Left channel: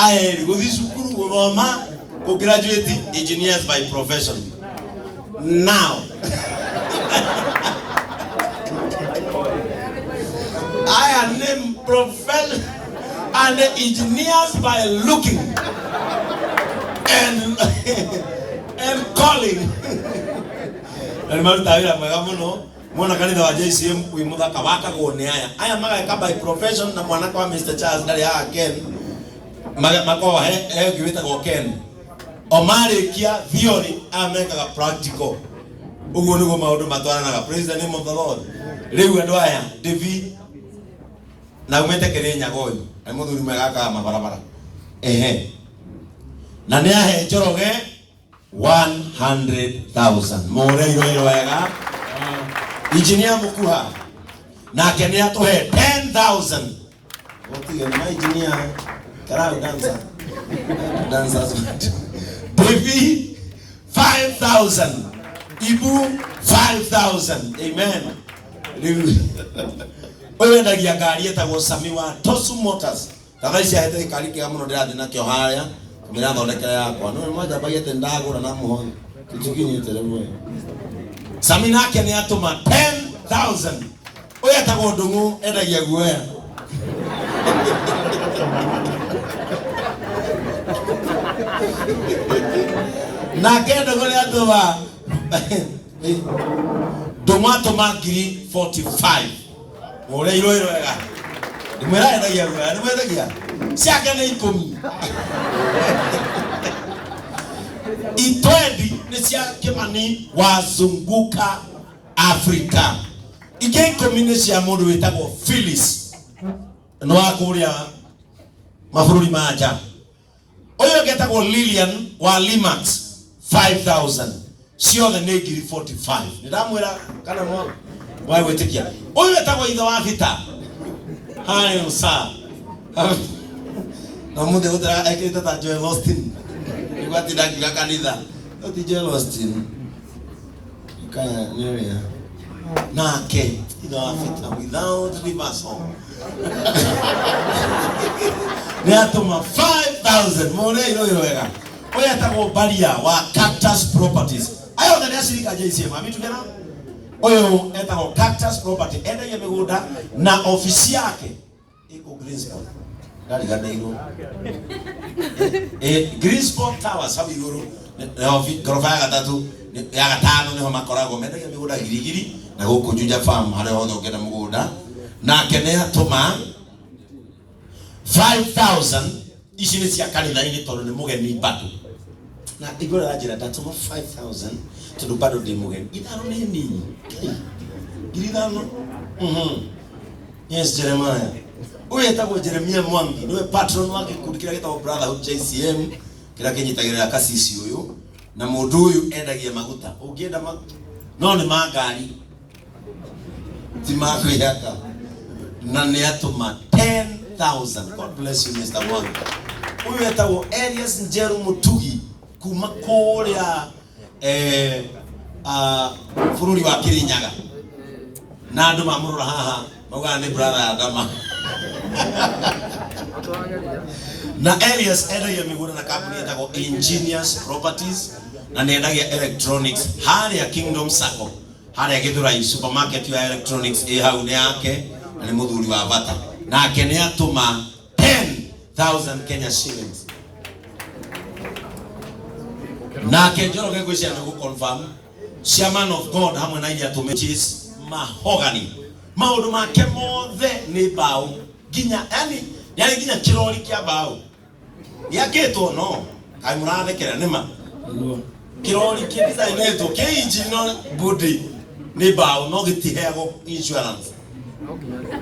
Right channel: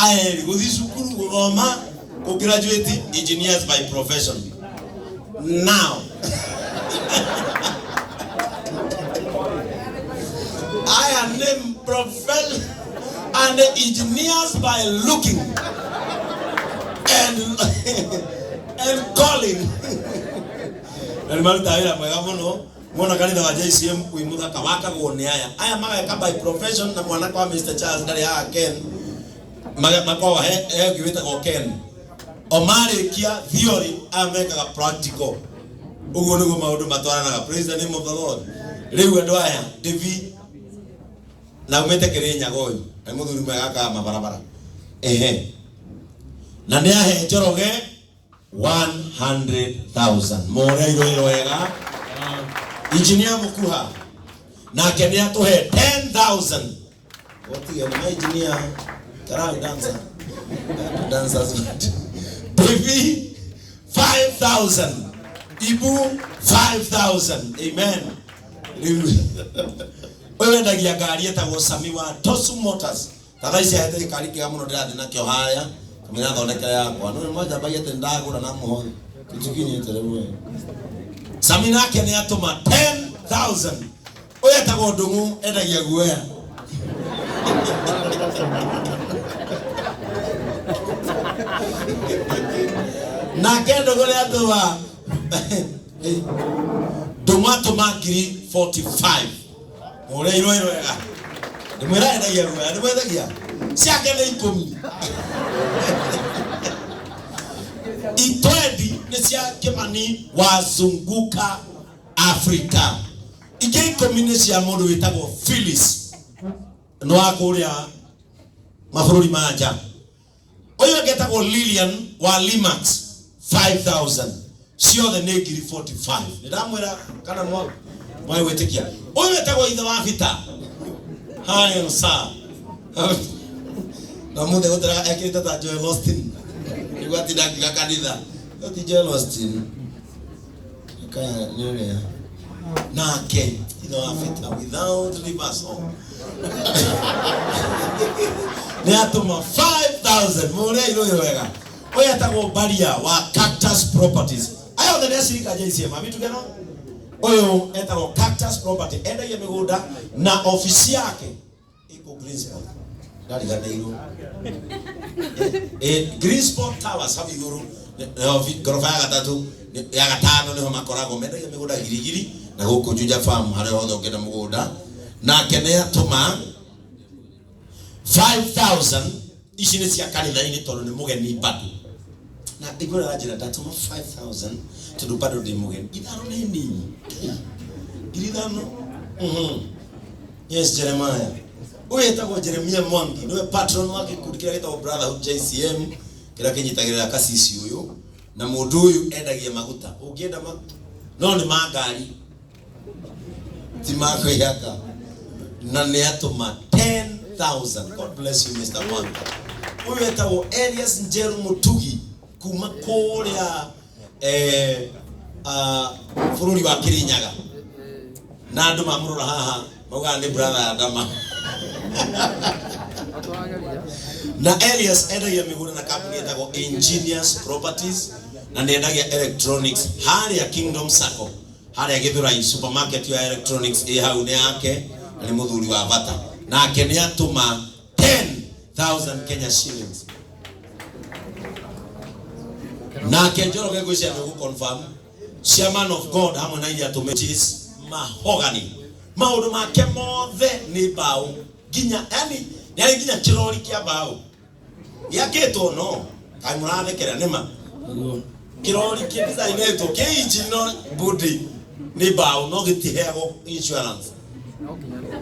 I go this school goma go graduate engineers by profession. Now I am named profession and engineers by looking and calling. And my tawira magamono mwana kanitha wa JCM kuimuda kawaka kuone aya maga by profession na mwana kwa Mr. Charles ndari ya Ken maga makwa he givita ko Ken omare kia theory ameka practical ugo nugo maundu matwaranaga. Praise the name of the Lord. Riu andu aya David na umete Kenya goyo ai muthuri mwega ka mabarabara na ni ahe Njoroge 100,000 more iro wega engineer mukuha na kenia to he 10,000 oti ya my engineer karao dancers David 5,000 Ibu 5,000 amen. Wewe ndagia ngari etagwo Sami wa Tosu Motors kana cia hete ngari kia muno ndirathi na kio haya kamera thondeka yakwa no mmoja bagete ndagura na muho kitikinyi telewe Sami nake ni atuma 10,000 oya etagwo Ndungu endagia guoya na kendo gole atwa Tomato magiri 45 ore iro ega nimera endagia guoya nimeragia siake ni 10 itwendi ni cia kimani wazunguka Afrika ike komine cia mundu witagwo Phyllis no akuria mabũrũri manja oyo getagwo Lilian wa Limax 5,000 ciothe nĩ ngiri 45 ndamwira kana mwa wetikia oyo getagwo ithe wa Vita hayo saa na munde gotera ekita ta Joel Austin igwati dakika kanitha oti Joel Austin kaya nyoria nake ithe wa Vita without reversal ni atuma 5,000 more iro wega oya tago Baria wa Cactus Properties ayo ndani ashirika JCM amitu gena oyo etago Cactus Property enda ya migunda na ofisi yake iko Greensport ndari ganda iro Greensport Tower sabi yoro gorofa ya gatatu ya gatano niho makorago menda ya migunda girigiri na guko Juja Farm hale hothe ugenda mugunda na kenea tuma 5,000 ici ni cia kanitha-ini tondu ni mugeni bado na igora ajira ndatuma 5,000 tondu bado ndi mugeni ithano ni nini irithano yes Jeremiah uye etagwo Jeremia Mwangi niwe patron wake kundi kira gitagwo Brotherhood JCM kira kinyitagirira kasisi uyu na mundu uyu endagia maguta ungienda no ni magari ti mako yaka na ni atuma 10,000. God bless you Mr. Mwangi. Uyu etagwo Elias Njeru Mutugi kuma kuria bururi wa Kirinyaga na andu mamurora haha mauga ni brother Adama na Elias endagia migunda na kampuni etagwo Engineers Properties na nendagia electronics haria Kingdom Sacco haria Githurai supermarket ya electronics hau ni yake na ni muthuri wa Bata na kene atuma 10,000 Kenya shillings na Njoroge gwicira ni confirm chairman of God hamwe na iria tumechis mahogany maundu make mothe ni bao ginya yani ginya kirori kia bao yaketwo no kai murathekera nima kirori kia design to keiji no body ni bao no gitihego insurance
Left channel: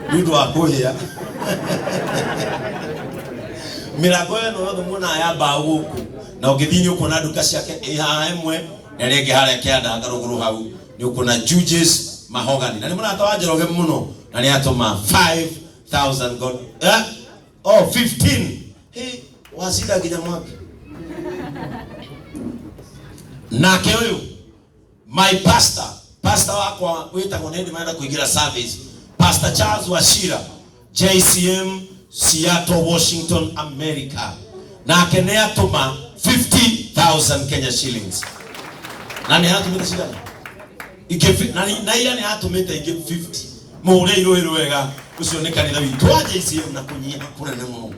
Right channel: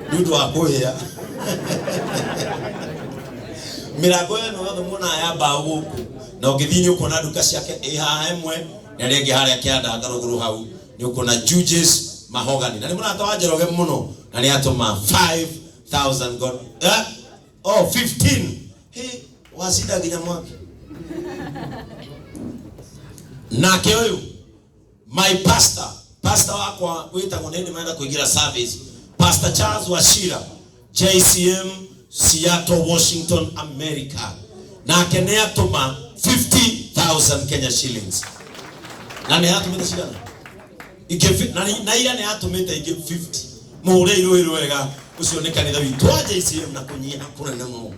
ndudu wa kuhia mirago eno yothe muna ya bao guku na ugithinyi uko na duka ciake iha emwe na ringi haria kianda ngaruguru hau ni uko na Jujes mahogany na ni muna tawa Njoroge muno na ni atoma 5,000 God 15 hey wasida ginya mwaka na ke uyu my pastor pastor wako wetagwo nende maenda kuingira service, Pastor Charles Washira, JCM Seattle, Washington, America. Na akenea tuma 50,000 Kenya shillings. Nani hatumita shida? Na ila ni hatumita ige 50. Mure iro wega ucio ni kanitha witu wa JCM na kunyia kuna nemo.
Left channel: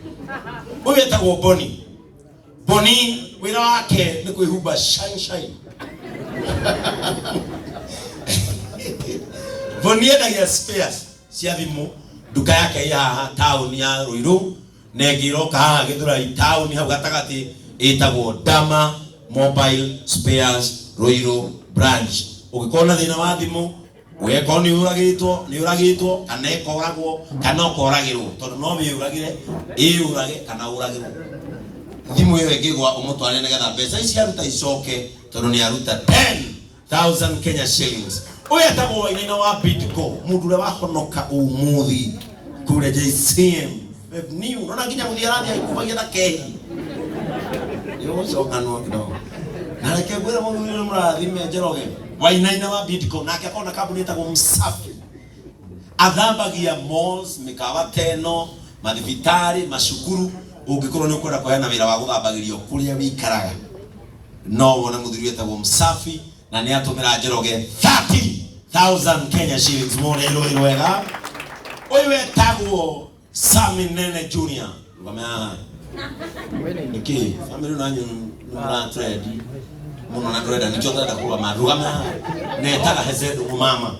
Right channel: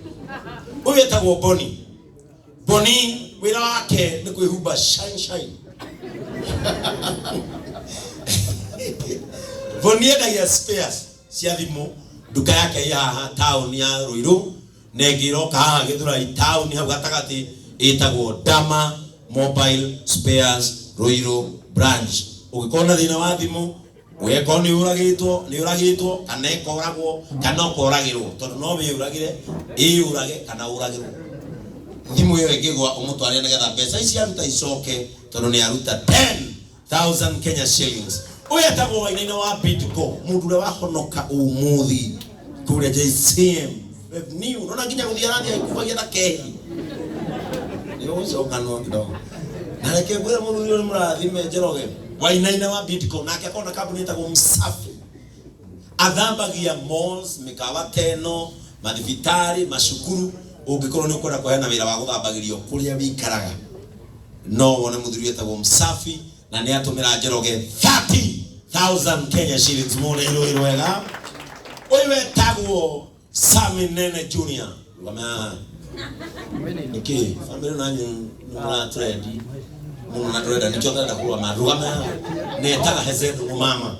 Uyu etagwo Boni. Boni wira wake ni kwihumba shine. Boni endagia spares cia thimu duka yake ya town ya Ruiru, negiro ka githura town hau gatagati etagwo Dama Mobile Spares Ruiru branch. Ukikona thina wa thimu weko ni uragitwo kana ikoragwo kana ukoragirwo tondu no we uragire urage kana uragirwo thimu iyo ingigwa umutware nigetha mbeca ici aruta icoke tondu ni aruta 10,000 Kenya shillings. Uya tagwo wainaina wa Bidco mundu ule wahonoka umuthi kule JCM new nona nginya guthiarathia ikubagia na kehi yo cokano kidogo na reke gwira mundu ule murathime Njoroge wainaina wa Bidco nake akona kambuni etagwo Msafi athambagia malls mikawa teno mathibitari mashukuru ungikorwo ni ukwenda kuheana wira wa guthambagirio kuria wikaraga no wone muthuri etagwo Msafi na ni atumira Njoroge 30,000 Kenya shillings more ilo wega. Uyu etagwo Sami Nene Junior ngama niki family nanyu na trade muno na trade ni chota ndakuwa marugama ne taga hezedu mama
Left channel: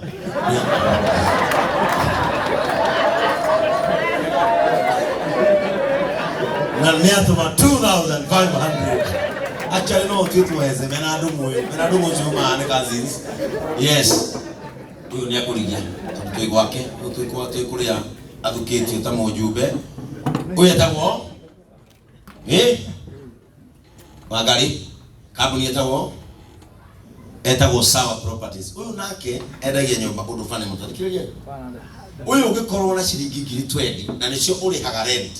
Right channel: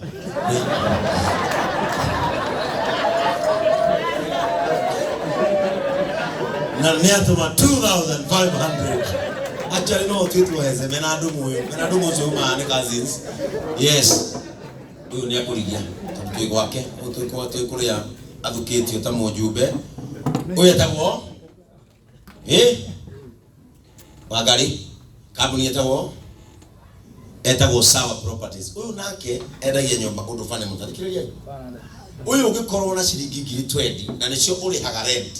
na neatuma 2,500. Actually no kitu heze menadu zuma ne cousins. Yes. Uyu ni akurigia mtoi gwake kuria athukiti utamo jube. Uyu etagwo magari kabuni etagwo Sawa Properties. Uyu nake endagia nyumba undu fane mutarikiriria. Uyu ungikorwo na ciringi 20 na nicio urihaga rent.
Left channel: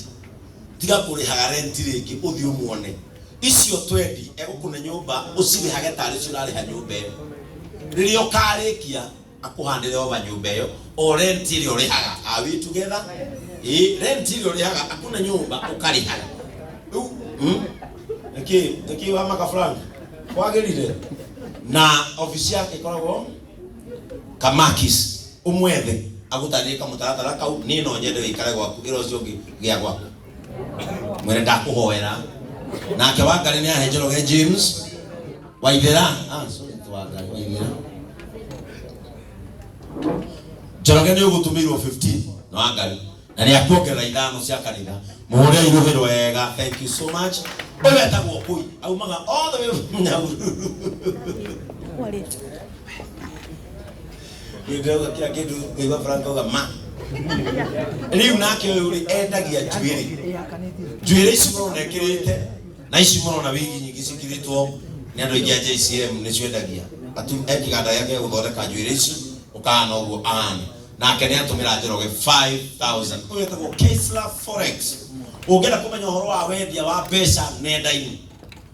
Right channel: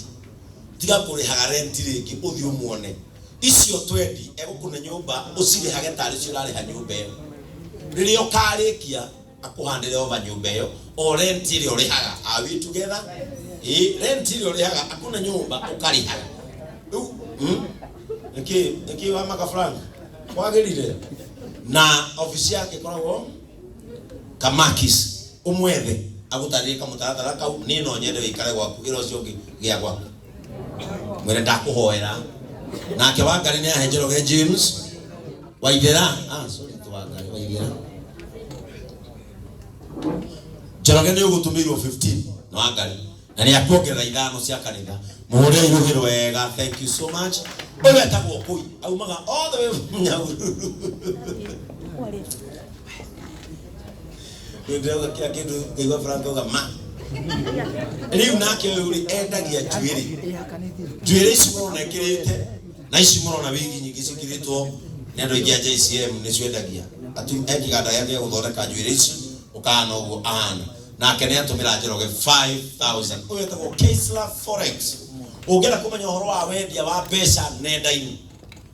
Tiga kurihaga rent ringi uthi umuone icio 20 egukune nyumba ucirihage tari cio rariha nyumba iyo ririo karikia akuhandire oba nyumba iyo o rent ile urihaga are we together rent ile urihaga akuna nyumba ukarihaga Niki wa makafranga kwagirire na ofisi yake koragwo Kamakis umwethe agutandika mutaratara kau nino nyende ikare gwaku iro cio gia gwaku mwere ndakuhoera nake wangari ni Njoroge James waithera sorry twangari waithera Njoroge ni ugutumirwo 15 na wangari na ni akuongerera ithano cia kanitha muhure iruhiro wega. Thank you so much. Uyu etagwo Kui aumaga all the way from Nyahururu ndio kia kindu igwa Franco gama riu nake uyu endagia njuiri ici murona ekirite na ici murona wingi nyingi cikiritwo ni andu ingi a JCM ni ciendagia ekiganda yake guthondeka njuiri ici ukana uguo ana nake ni atumira Njoroge 5,000. Uyu etagwo Kaisla Forex ungera kumenya uhoro wa wendia wa mbeca nenda-ini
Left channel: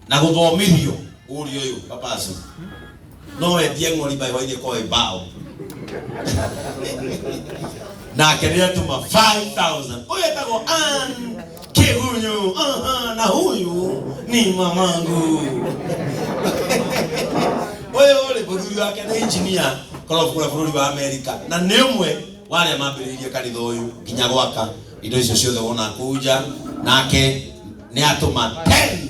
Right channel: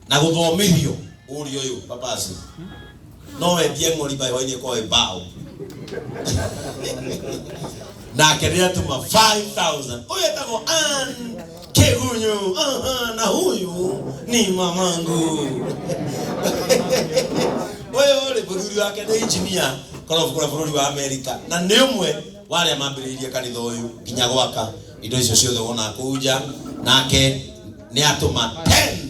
na guthomithio uri uyu papasi no wendie ng'ori bayo-ini kwa bao nake ni atuma 5,000. Uyu etagwo Kegunyu na huyu ni mamangu. Uyu uri muthuri wake ni engineer kora bururi wa America na ni umwe wale mambiririe kanitha uyu kinya gwaka indo icio ciothe wona kuja nake ni atuma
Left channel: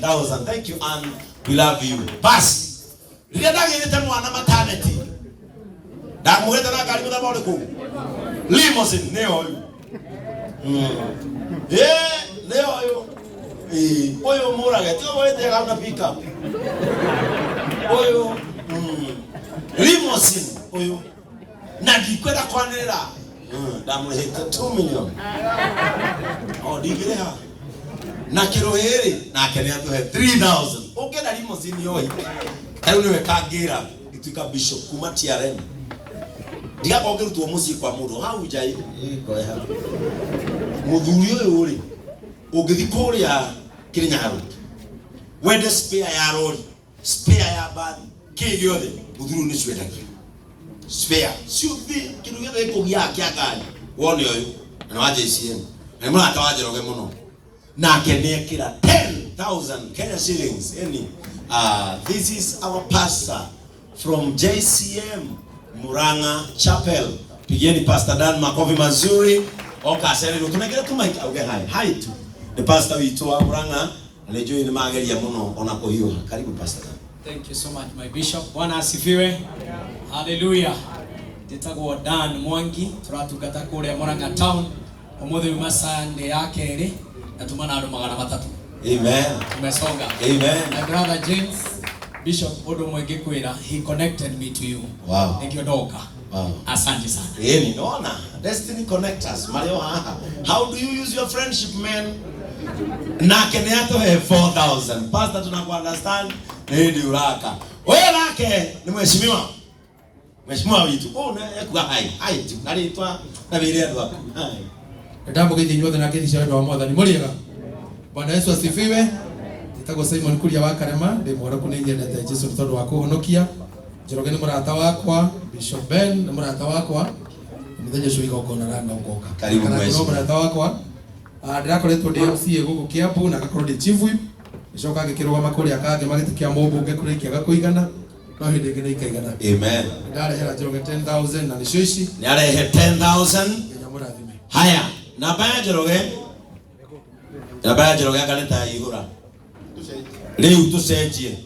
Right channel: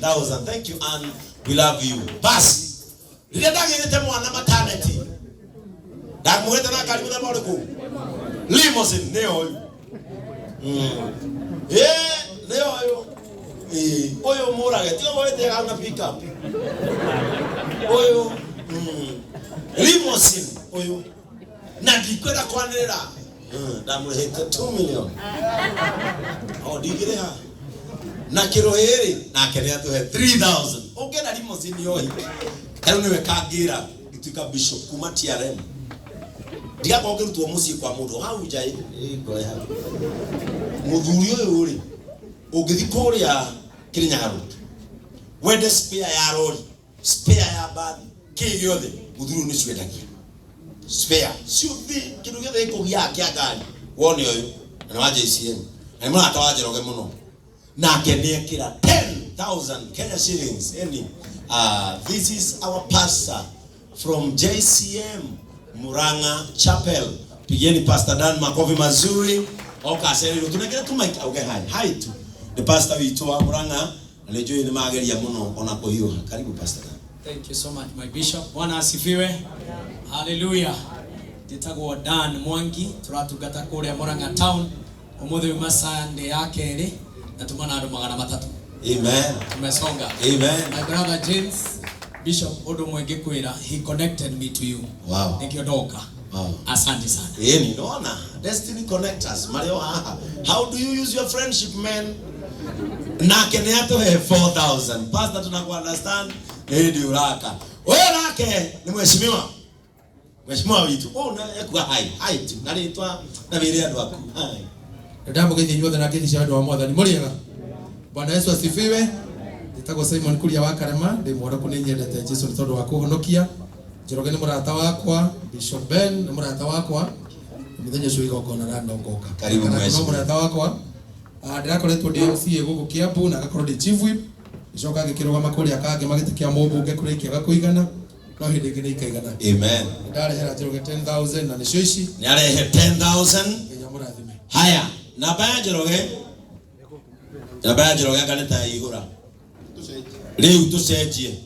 10,000. Thank you and we love you. Basi riria ndagirite mwana maternity ndamuhete na karibu na bode ku limousine ne uyu ne uyu uyu murage tiga mwete ganga pick up uyu limousine uyu na ndikwenda kwanira ndamurehete 2 million digireha na kiroheri na kenya tuhe 3,000. Ungena limousine yoi kariu niwe kangira ituika bishop kuma TRM diga kwa ngirutwo muci kwa mundu hau jai ngoya muthuri uyu uri ungithi kuria Kirinyaga wende spare ya lori spare ya bani kiri giothe muthuri ni cwendagia spare siuthi kindu githe ikugia kiagani wone uyu na wa JCM na mwana atawajeroge muno nake niekira 10,000 Kenya shillings any this is our pastor from JCM Muranga Chapel. Pigeni Pastor Dan makofi mazuri. Okasere tunakira tumaita okay hi to the pastor witu wa Muranga anajua ni mageria muno ona ko hiyo. Karibu Pastor Dan. Thank you so much my bishop. Bwana asifiwe. Hallelujah. Nditagwo Dan Mwangi turatungata kule Muranga town umuthi wa Sunday yake ri natumana andu 300. Amen. Tumesonga. Amen. My brother James Bishop Odo Mwenge kwira he connected me to you. Wow. Nikiondoka. Wow. Asante sana. Ni naona destiny connect us. Mario how do you use your friendship man? Na keniato he 4,000. Pastor tunaku understand ni uraka. Wewe rake ni mheshimiwa. Mheshimiwa witu. Na kwa hai tu. Nalitwa na vile ndo hapo. Hai. Ndambo githii nyothe na githii cia wa mwathani muriega. Bwana Yesu asifiwe. Nitagwo Simon Kuria wa Karama ndi mwora kuninyendete Jesu tondu wa kuhonokia. Njoroge ni murata wakwa, Bishop Ben ni murata wakwa. Muthenya ucio igongona rana ugoka. Karibu mwezi. Murata wakwa. Ndirakoretwo ndi MCA guku Kiambu na gakorwo ndi chief whip. Icoka ngikirwa makuri akange magitikia mubunge kurikia gakuigana. No hindi ngine ikaigana. Amen. Ndarehera Njoroge 10,000 na nicio ici. Ni arehe 10,000. Nginya murathime. Haya, namba ya Njoroge. Namba ya Njoroge akaleta igura. Riu tucenjie.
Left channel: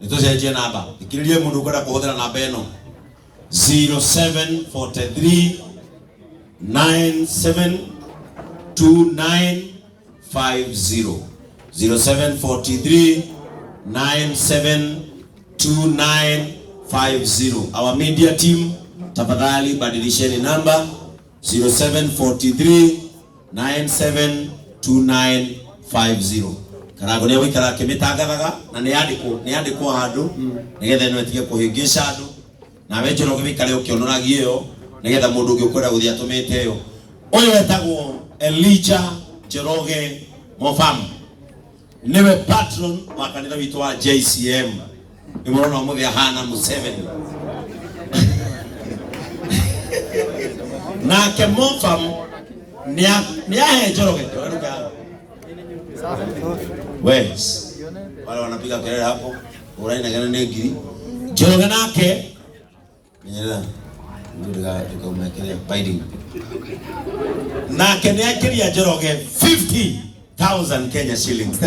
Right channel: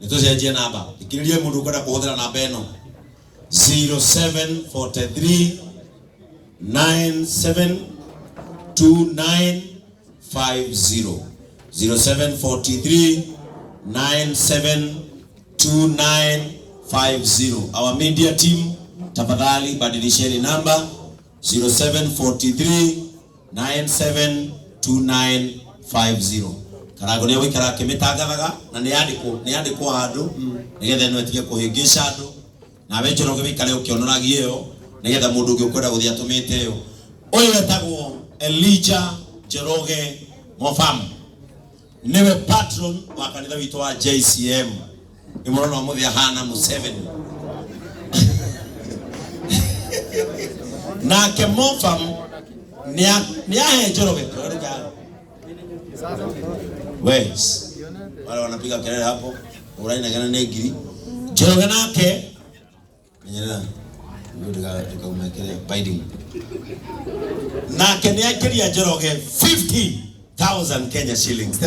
Nitucenjie namba. Ikiririe mundu kwenda kuhuthira namba eno 0743 972950 0743 972950. Our media team tafadhali badilisheni namba 0743 972950. Karago ni wikara kimitangagaga na ni andiko handu nigetha no etige kuhingisha handu na we Njoroge wikare ukionoragie yo nigetha mundu ungi ukwenda guthia atumite yo uyu wetagwo Elijah Njoroge Mofam niwe patron wa kanitha witu wa JCM ni murona muthia hana Museveni na ke Mofam ni ahe Njoroge Wes. Wale wanapiga kelele hapo. Uraina gana negiri. Njoroge nake. Nyera. Ndio tukamekele binding. Nake ni akiria Njoroge 50,000 Kenya shillings.